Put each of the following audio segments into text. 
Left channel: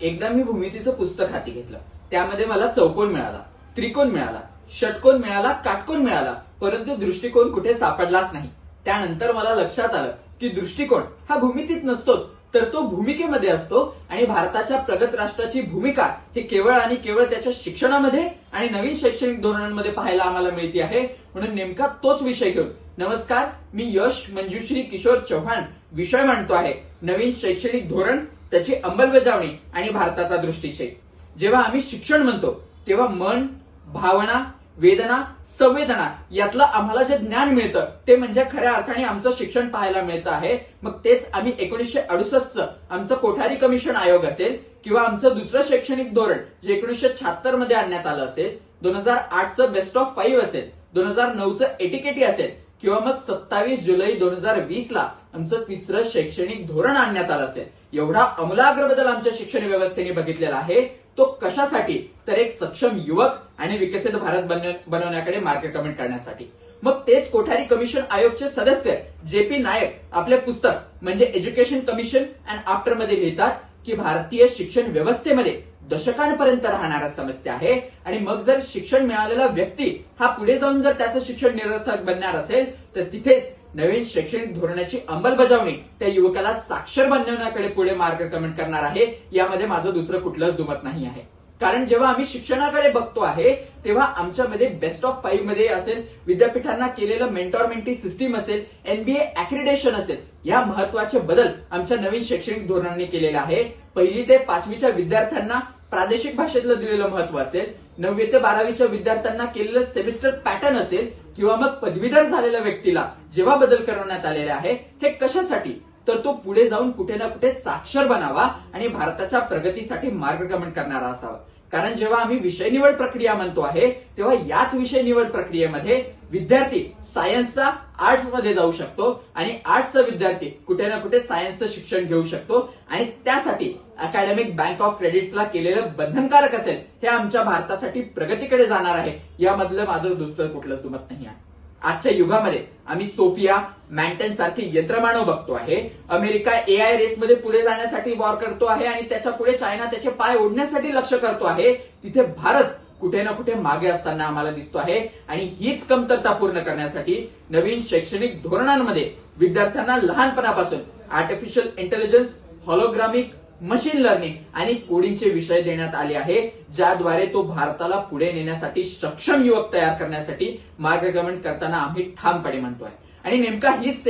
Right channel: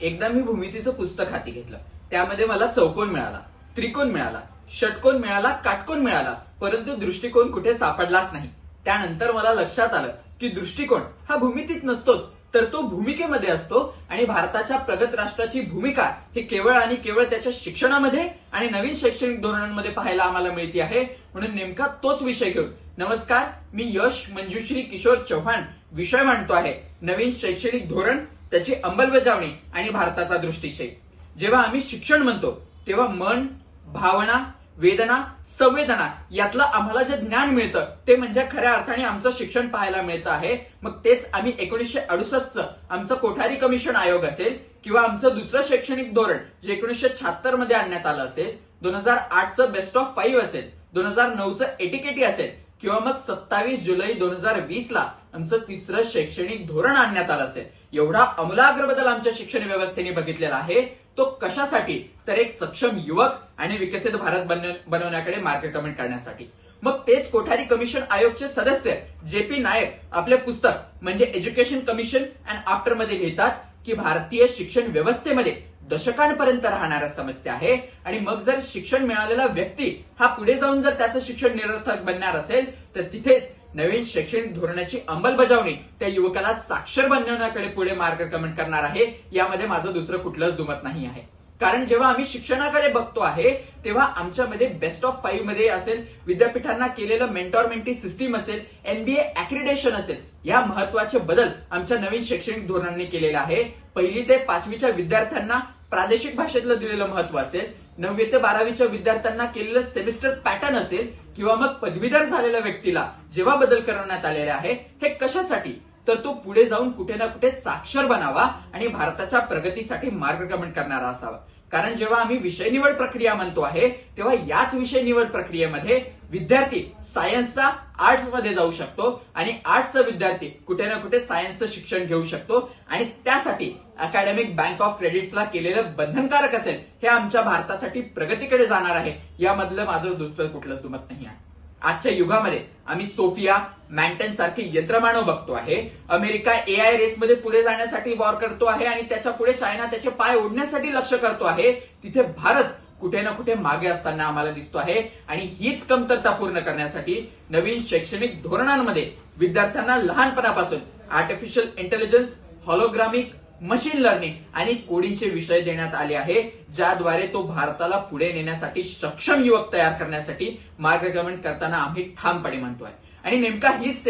एकदा मी भूमितीचं पुस्तक हाती घेतलं. त्यामध्ये मला चौकोन मिळाला, त्रिकोण मिळाला, षटकोन मिळाला, काटकोन मिळाला, परंतु दृष्टिकोन कुठे सापडलाच नाही. त्यानंतर मला लक्षात आलं की दृष्टिकोन हा भूमितीत नसतोच, तर तो भूमिकेमध्ये असतो आणि भारताच्या प्रगत राष्ट्राची भूमिका हे केवळ आणि केवळ त्याच्या शिक्षणामध्ये आणि नवीन शैक्षणिक धोरणांमध्ये पाहायला आम्हाला मिळते आहे. म्हणून नेमका तोच विषय घेऊन नमस्कार, मी यश मंजुश्री किशोर चव्हाण विषय मांडतो आहे नवीन शैक्षणिक धोरण, त्याची अंमलबजावणी आणि भारताचा दृष्टिक्षेप. जेव्हा आम्ही शिक्षण म्हणतो तेव्हा मन, भावना, वेदना, संवेदना यातलं आम्हाला जे ज्ञान मिळतं ते म्हणजे खऱ्या अर्थाने आमचं शिक्षण पाहायला मिळतं आहे. मग तेच आम्ही 1968चं आमचं कोठारी कमिशन आयोग असेल किंवा आमचं दुसरं शैक्षणिक धोरण जे 1976 मध्ये आणण्यात आलं असेल, 2008चं बेस्ट ऑफ 5 असेल, 2009चं एटीकेटी असेल किंवा मग 27 जुलै 2020ला आमचं तिसरं शैक्षणिक धोरण आणण्यात आलं असेल, एवढा अमूलाग्र बदल आमच्या शिक्षण व्यवस्थेने बघितलेला आहे. तो कशासाठी? तर एक सक्षम युवक आणि विकसित भारत बनवण्याकडे मार्गक्रमण करण्यासाठी. मग तेच कोठारी कमिशन आयोगचे सदस्य JP नायक आपले पुस्तक म्हणजे एज्युकेशन कमिशन अँड आफ्टर मध्ये लिहितात की भारतीय शिक्षण व्यवस्थेमध्ये दशकांपर्यंत राहणाऱ्या समस्या आहे आणि मग जर शिक्षण मिळालेला व्यक्ती हा पुढे जाऊन जर त्याचं शिक्षण निरर्थक बनणार असेल तर तिथेच नवीन शैक्षणिक धोरणाची अंमलबजावणी त्या युवकाला साक्षर बनवण्याकडे पुढे मार्गक्रमण करणार आहे. यामध्ये माझं दुसरं कुठलंच दुमत नाही आहे. कारण जेव्हा आम्ही शिक्षणाकडे बघतो आहे तेव्हा आमच्यामध्ये बेस्ट ऑफ 5 मध्ये असेल, विद्यापीठांना केलेलं मेंटॉर मेंटी सिस्टीम असेल, NBA ऍक्रिडेशन असेल, या महत्वाचे बदल आमच्या नवीन शैक्षणिक धोरणाने केलेले आहे. 1ली ते 5वीच्या विद्यार्थ्यांना प्रादेशिक भाषेतलं दिलेलं महत्व असेल, 9वी ते 12वीच्या विद्यार्थ्यांना केलेलं सेमिस्टर पॅटर्न असेल किंवा मग पदवीधर झालेल्या व्यक्तीला जेव्हा बदल करण्यात आलेले आहे, हे कशासाठी? तर तो पुढे जाऊन कुठे ना कुठे साक्षर बनावा आणि भारताच्या प्रगतीसाठी मार्गक्रमण करणारा असावा. कारण जेव्हा आम्ही विषय निवड प्रक्रिया म्हणतो आहे तेव्हा याच विषय निवड प्रक्रियेमध्ये विद्यार्थी सायन्सचा आर्ट्समध्ये जाऊ शकतो आणि आर्ट्सचा विद्यार्थी कुठे ना कुठे सायन्सचं शिक्षण घेऊ शकतो आणि त्यासाठी अकॅडमिक बँक ऑफ क्रेडिट्सला केलेलं बंधनकारक असेल, हे आमच्या भारतासाठी प्रगतीकडे जाणार आहे. यामधलं माझं दुसरं कुठलंच दुमत नाही आहे. आजच्या युगामध्ये आम्ही सोफिया, मॅन्टन सारखे यंत्रमानव बघतो आहे. अमेरिका AI रेसमध्ये पुढे जाण्यासाठी वॉर करतो आहे आणि त्याच्या पुढे चायना त्याचे पाय ओढण्यासाठी लक्ष करतो आहे. तिथे भारत कुठे ना कुठे मागे असताना आम्हाला दिसतो आहे आणि हीच कमतरता पूर्ण करण्यासाठी नवीन शैक्षणिक धोरणांमध्ये विद्यार्थ्यांना लहानपणापासून आर्टिफिशियल इंटेलिजन्स, हॉलोग्रामिक, मशीन लर्निंग आणि कोडिंगचे विषय देण्यात आले आहे, ज्याद्वारे तो भारताला पुढे नेण्यासाठी सक्षम युवक तयार करण्यासाठी मार्गक्रमण करताना आम्ही ठामपणे म्हणतो आहे. आणि नेमका हीच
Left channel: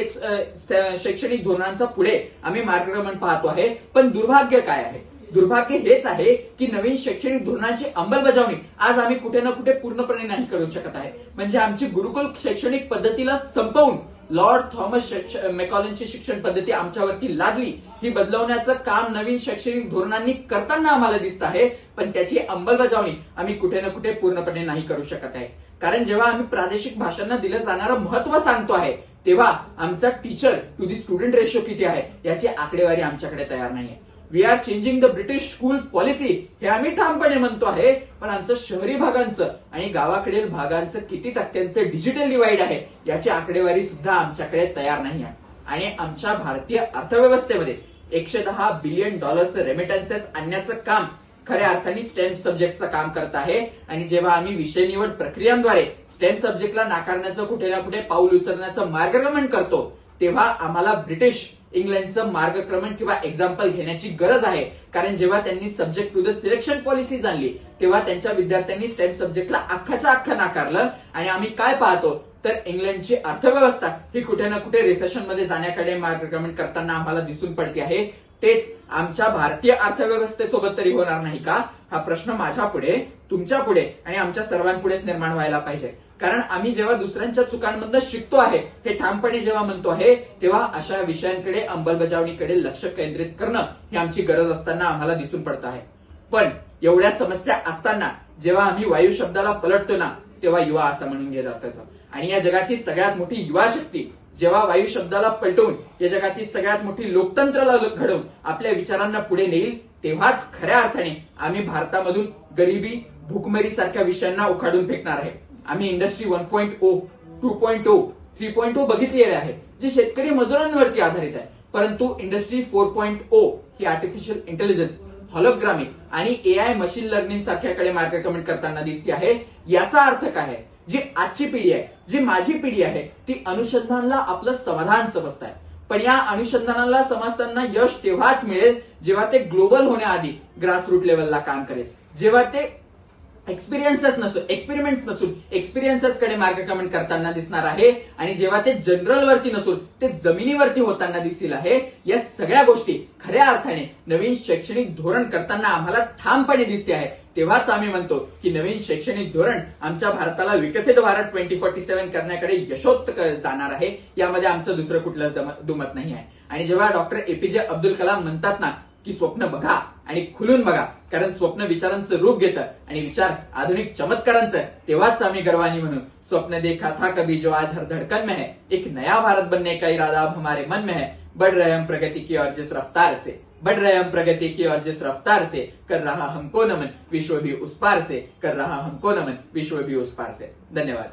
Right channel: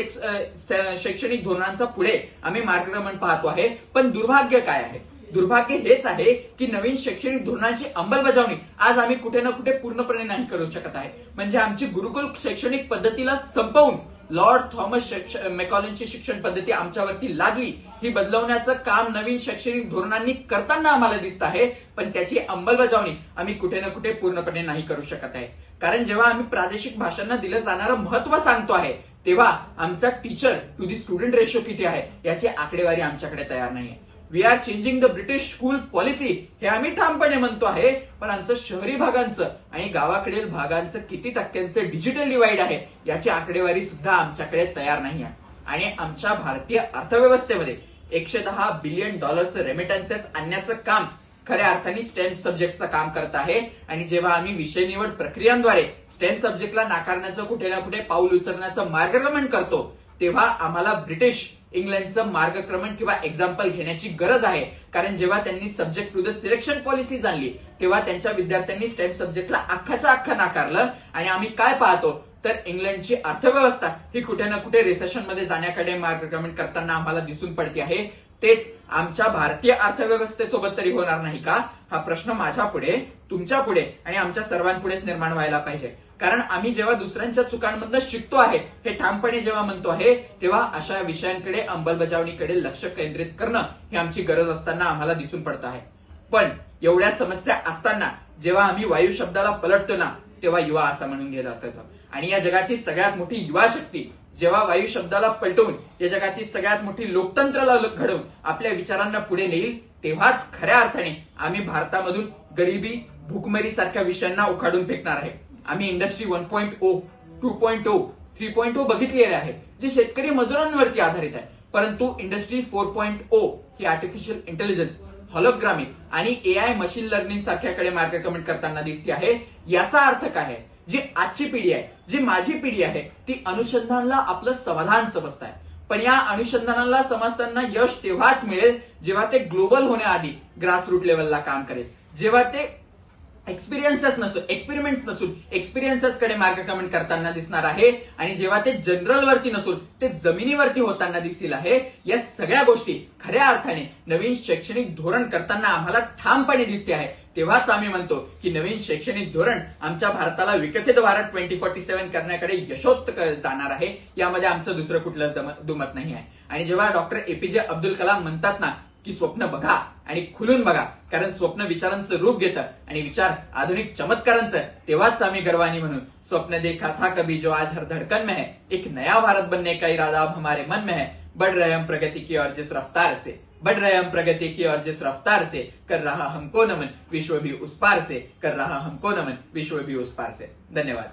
शैक्षणिक धोरणांचा पुढे आम्ही मार्गक्रमण पाहतो आहे. पण दुर्भाग्य काय आहे? दुर्भाग्य हेच आहे की नवीन शैक्षणिक धोरणांची अंमलबजावणी आज आम्ही कुठे ना कुठे पूर्णपणे नाही करू शकत आहे. म्हणजे आमची गुरुकुल शैक्षणिक पद्धतीला संपवून लॉर्ड थॉमस मेकॉलेंची शिक्षण पद्धती आमच्यावरती लादली, ही बदलवण्याचं काम नवीन शैक्षणिक धोरणांनी करताना आम्हाला दिसत आहे. पण त्याची अंमलबजावणी आम्ही कुठे ना कुठे पूर्णपणे नाही करू शकत आहे. कारण जेव्हा आम्ही प्रादेशिक भाषांना दिलं जाणारं महत्व सांगतो आहे तेव्हा आमचा teacher to the student ratio किती आहे याची आकडेवारी आमच्याकडे तयार नाही आहे. We are changing the British school policy हे आम्ही ठामपणे म्हणतो आहे, पण आमचं शहरी भागांचं आणि गावाकडील भागांचं किती टक्क्यांचं डिजिटल डिवाइड आहे याची आकडेवारी सुद्धा आमच्याकडे तयार नाही आहे. आणि आमच्या भारतीय अर्थव्यवस्थेमध्ये $110 बिलियन रेमिटन्सेस आणण्याचं काम खऱ्या अर्थाने स्टेम सब्जेक्टचं काम करत आहे. आणि जेव्हा आम्ही विषय निवड प्रक्रियांद्वारे स्टेम सब्जेक्टला नाकारण्याचं कुठे ना कुठे पाऊल उचलण्याचं मार्गक्रमण करतो तेव्हा आम्हाला ब्रिटिश इंग्लंडचं मार्गक्रमण किंवा एक्झाम्पल घेण्याची गरज आहे. कारण जेव्हा त्यांनी subject to the selection policy आणली तेव्हा त्यांच्या विद्यार्थ्यांनी स्टेम सब्जेक्टला अख्खाच्या अख्खं नाकारलं आणि आम्ही काय पाहतो तर इंग्लंडची अर्थव्यवस्था ही कुठे ना कुठे रिसेशनमध्ये जाण्याकडे मार्गक्रमण करताना आम्हाला दिसून पडते आहे. तेच आमच्या भारतीय अर्थव्यवस्थेसोबत तरी होणार नाही का? हा प्रश्न माझ्या पुढे, तुमच्या पुढे आणि आमच्या सर्वांपुढेच निर्माण व्हायला पाहिजे. कारण आम्ही जेव्हा दुसऱ्यांच्या चुकांमधनं शिकतो आहे हे ठामपणे जेव्हा म्हणतो आहे तेव्हा अशा विषयांकडे अंमलबजावणीकडे लक्ष केंद्रित करणं ही आमची गरज असताना आम्हाला दिसून पडत आहे. पण एवढ्या समस्या असताना जेव्हा आम्ही वायू शब्दाला पलटतो ना तेव्हा युवा असं म्हणून घेत जातो. आणि या जगाची सगळ्यात मोठी युवा शक्ती जेव्हा वायू शब्दाला पलटवून या जगाची सगळ्यात मोठी लोकतंत्राला घडवून आपल्या विचारांना पुढे नेईल तेव्हाच खऱ्या अर्थाने आम्ही भारतामधून गरिबी, भूकमरी सारख्या विषयांना उखाडून फेकणार आहे. आम्ही इंडस्ट्री 1.0, 2.0, 3.0 बघितलेले आहे जे शेतकरी मजुरांवरती आधारित आहे. परंतु इंडस्ट्री 4.0 ही आर्टिफिशियल इंटेलिजन्स, हॉलोग्रामिक आणि एआय मशीन लर्निंग सारख्याकडे मार्गक्रमण करताना दिसते आहे. याचा अर्थ काय आहे? जी आजची पिढी आहे, जी माझी पिढी आहे, ती अनुसंधानाला आपलं समाधान समजत आहे. पण या अनुसंधानाला समजताना यश तेव्हाच मिळेल जेव्हा ते ग्लोबल होण्याआधी ग्रासरूट लेवलला काम करेल, जेव्हा ते एक्सपेरिमेंट्स नसून एक्सपिरियन्सेस कडे मार्गक्रमण करताना दिसणार आहे आणि जेव्हा ते जनरल वरती नसून ते जमिनीवरती होताना दिसतील आहे. या सगळ्या गोष्टी खऱ्या अर्थाने नवीन शैक्षणिक धोरण करताना आम्हाला ठामपणे दिसते आहे. तेव्हाच आम्ही म्हणतो की नवीन शैक्षणिक धोरण आमच्या भारताला विकसित भारत 2047 करण्याकडे यशोक्त जाणार आहे. यामध्ये आमचं दुसरं कुठलंच दुमत नाही आहे. आणि जेव्हा डॉक्टर एपीजे अब्दुल कलाम म्हणतात ना की स्वप्न बघा आणि खुलून बघा, कारण स्वप्न विचारांचं रूप घेतं आणि विचार आधुनिक चमत्कारांचं, तेव्हाच आम्ही गर्वानी म्हणून स्वप्न देखा था कभी जो आज हर धड़कन में है, एक नया भारत बनने का इरादा अब हमारे मन में है, बढ़ रहे हम प्रगति की और जिस रफ्तार से, बढ़ रहे हम प्रगति की और जिस रफ्तार से, कर रहा हमको नमन विश्व भी उस पार से, कर रहा हमको नमन विश्व भी उस पार से. धन्यवाद.